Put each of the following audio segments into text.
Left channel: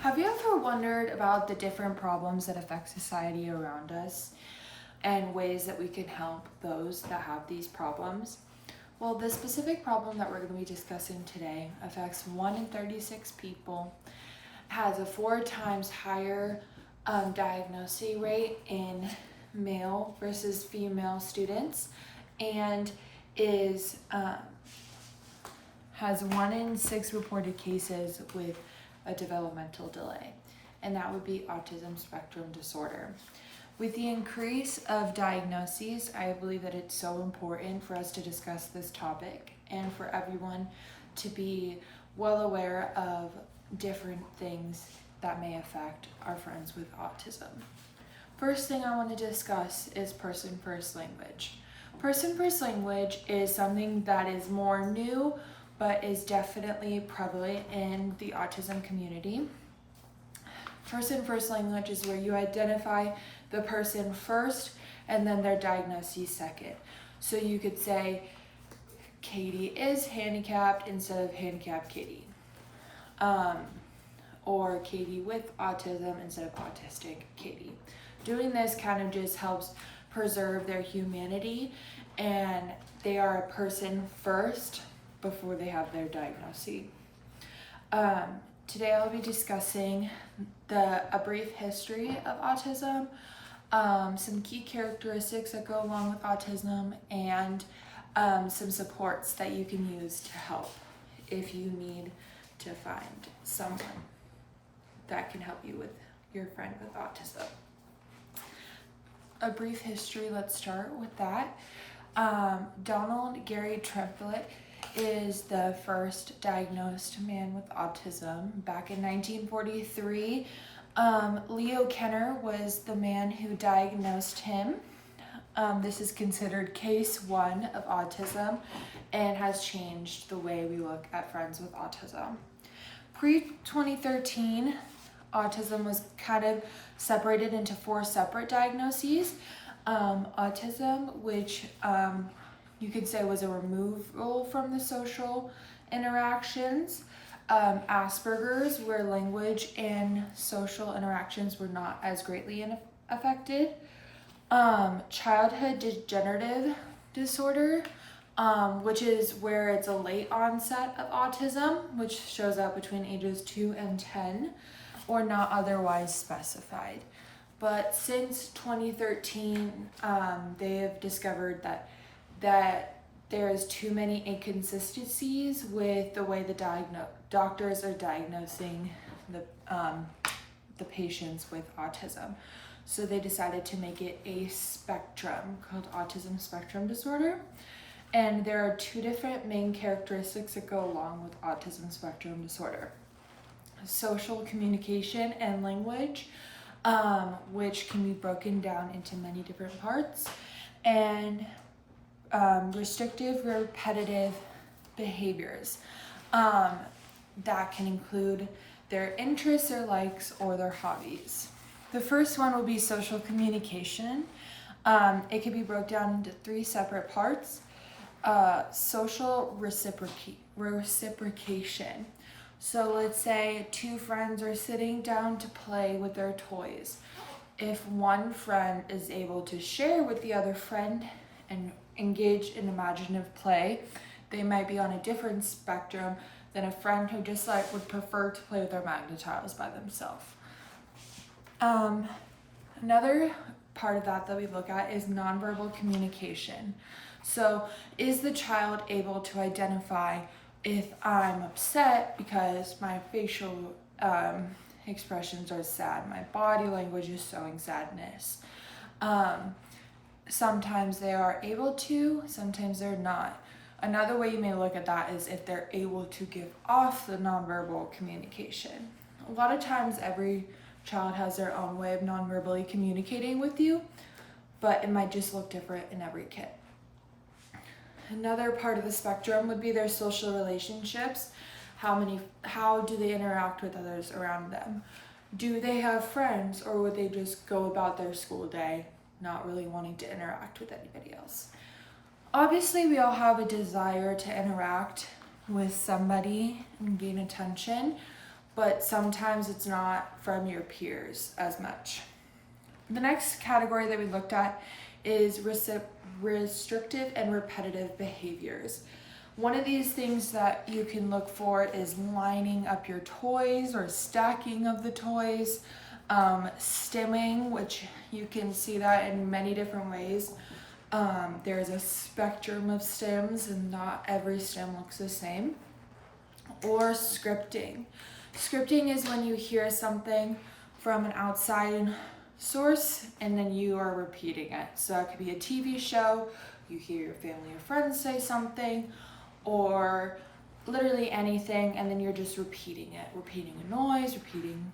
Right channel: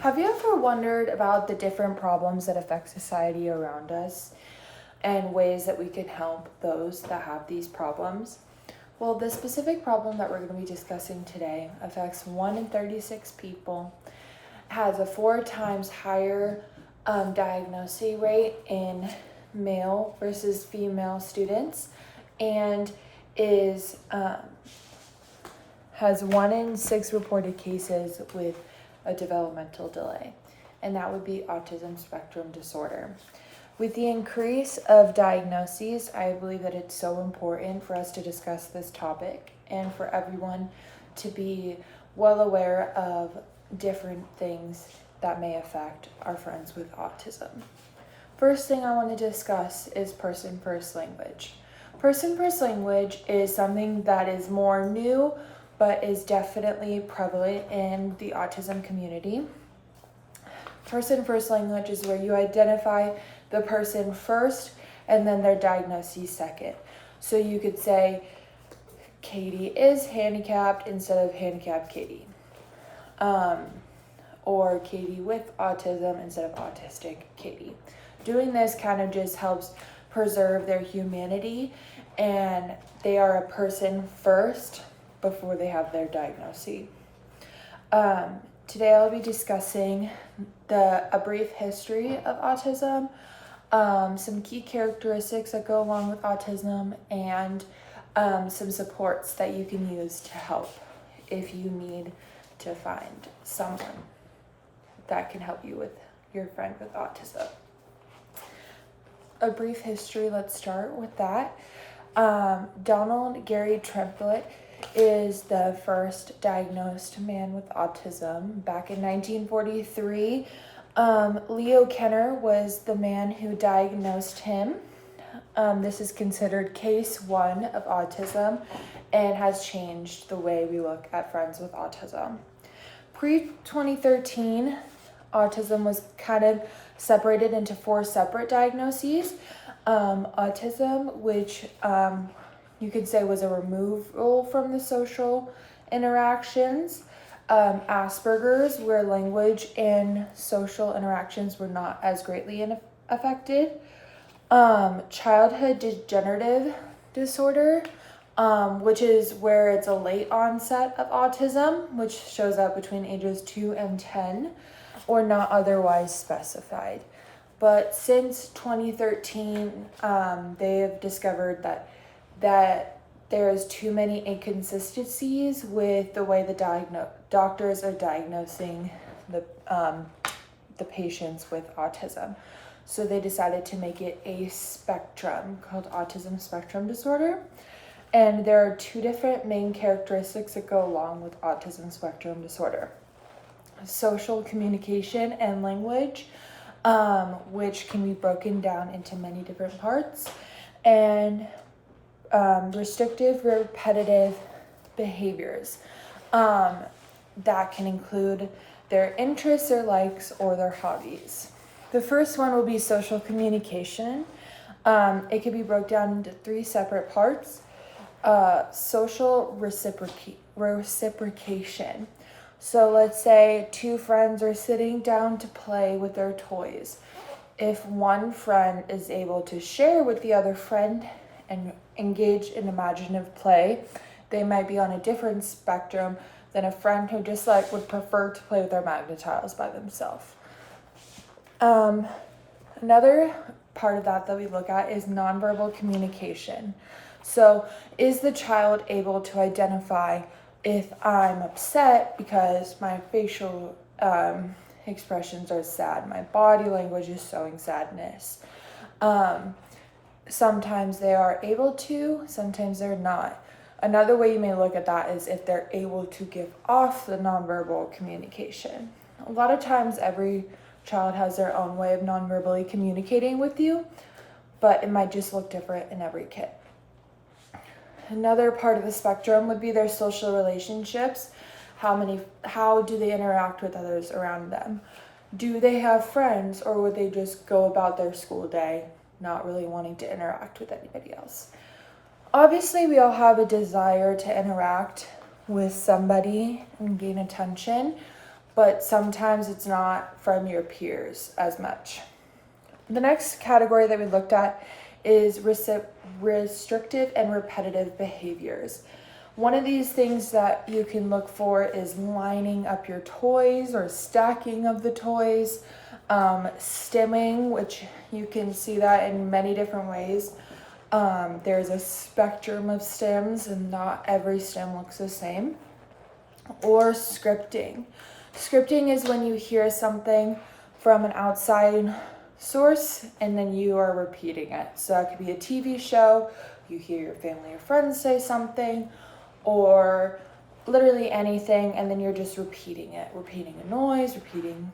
Have you ever wondered about the different problems that affect society around us and ways that we can help those that have these problems? Well, the specific problem that we're going to be discussing today affects 1 in 36 people, has a 4 times higher diagnosis rate in male versus female students, and has 1 in 6 reported cases with a developmental delay, and that would be autism spectrum disorder. With the increase of diagnoses, I believe that it's so important for us to discuss this topic and for everyone to be well aware of different things that may affect our friends with autism. First thing I want to discuss is person-first language. Person-first language is something that is more new, but is definitely prevalent in the autism community. Person-first language is where you identify the person first and then their diagnosis second. So you could say, Katie is handicapped instead of handicapped Katie. Or Katie with autism instead of autistic Katie. Doing this kind of just helps preserve their humanity, and they are a person first before they have their diagnosis. Today I'll be discussing a brief history of autism, some key characteristics that go along with autism, and some supports that you can use to help if you need to find someone that can help you with your friend with autism. A brief history, let's start with that. Donald Gary Tremblay is the first diagnosed man with autism back in 1943. Leo Kenner was the man who diagnosed him. This is considered case 1 of autism and has changed the way we look at friends with autism. Pre-2013, autism was kind of separated into 4 separate diagnoses. Autism, which you could say was a removal from the social interactions. Asperger's, where language and social interactions were not as greatly affected. Childhood degenerative disorder, which is where it's a late onset of autism, which shows up between ages 2 and 10, or not otherwise specified. But since 2013, they have discovered that there's too many inconsistencies with the way the doctors are diagnosing the patients with autism. So they decided to make it a spectrum called autism spectrum disorder. And there are 2 different main characteristics that go along with autism spectrum disorder: social communication and language, which can be broken down into many different parts, and restrictive repetitive behaviors that can include their interests, their likes, or their hobbies. The first one will be social communication. It can be broken down into 3 separate parts. Social reciprocation. So let's say 2 friends are sitting down to play with their toys. If one friend is able to share with the other friend and engage in imaginative play, they might be on a different spectrum than a friend who just would prefer to play with their Magna-Tiles by themselves. Another part of that we look at is nonverbal communication. So is the child able to identify if I'm upset because my facial expressions are sad, my body language is showing sadness? Sometimes they are able to, sometimes they're not. Another way you may look at that is if they're able to give off the nonverbal communication. A lot of times every child has their own way of nonverbally communicating with you, but it might just look different in every kid. Another part of the spectrum would be their social relationships. How do they interact with others around them? Do they have friends, or would they just go about their school day not really wanting to interact with anybody else? Obviously, we all have a desire to interact with somebody and gain attention, but sometimes it's not from your peers as much. The next category that we looked at is restrictive and repetitive behaviors. One of these things that you can look for is lining up your toys or stacking of the toys, stimming, which you can see that in many different ways. There's a spectrum of stems and not every stem looks the same. Or scripting. Scripting is when you hear something from an outside source and then you are repeating it. So it could be a TV show, you hear your family or friends say something, or literally anything, and then you're just repeating it, repeating a noise, repeating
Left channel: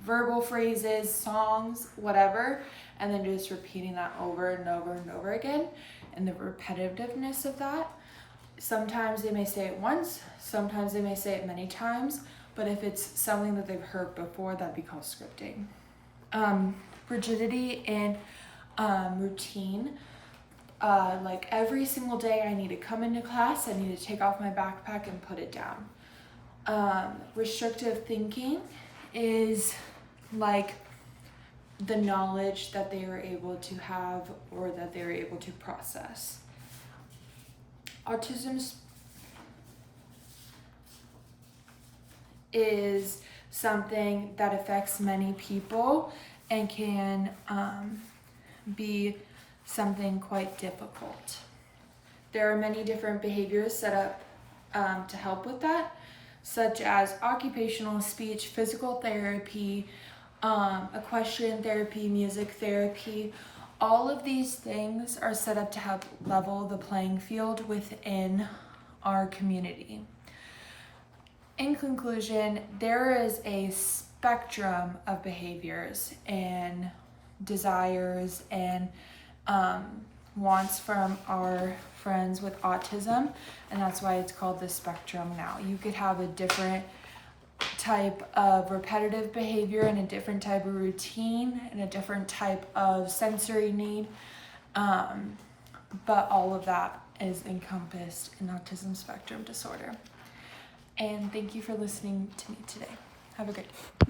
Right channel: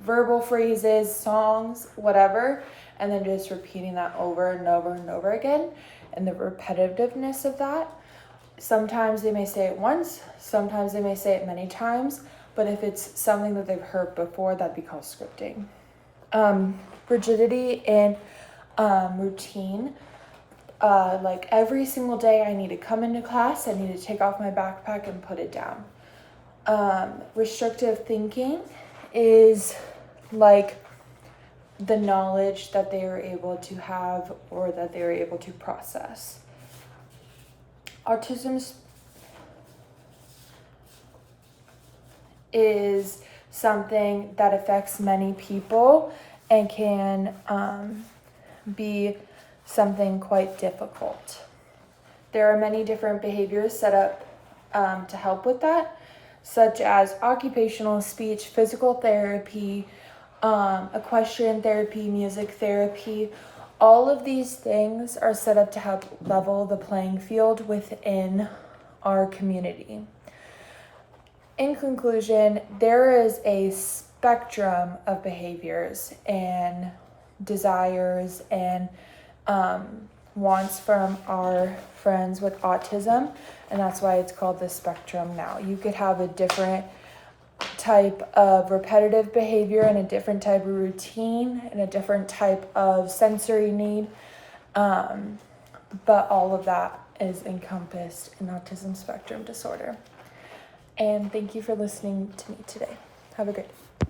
verbal phrases, songs, whatever, and then just repeating that over and over and over again. And the repetitiveness of that, sometimes they may say it once, sometimes they may say it many times, but if it's something that they've heard before, that'd be called scripting. Rigidity and routine. Like every single day I need to come into class, I need to take off my backpack and put it down. Restrictive thinking is like the knowledge that they are able to have or that they are able to process. Autism is something that affects many people and can be something quite difficult. There are many different behaviors set up to help with that, such as occupational speech, physical therapy, equestrian therapy, music therapy. All of these things are set up to help level the playing field within our community. In conclusion, there is a spectrum of behaviors and desires and wants from our friends with autism, and that's why it's called the spectrum now. You could have a different type of repetitive behavior and a different type of routine and a different type of sensory need, but all of that is encompassed in autism spectrum disorder. And thank you for listening to me today. Have a great day.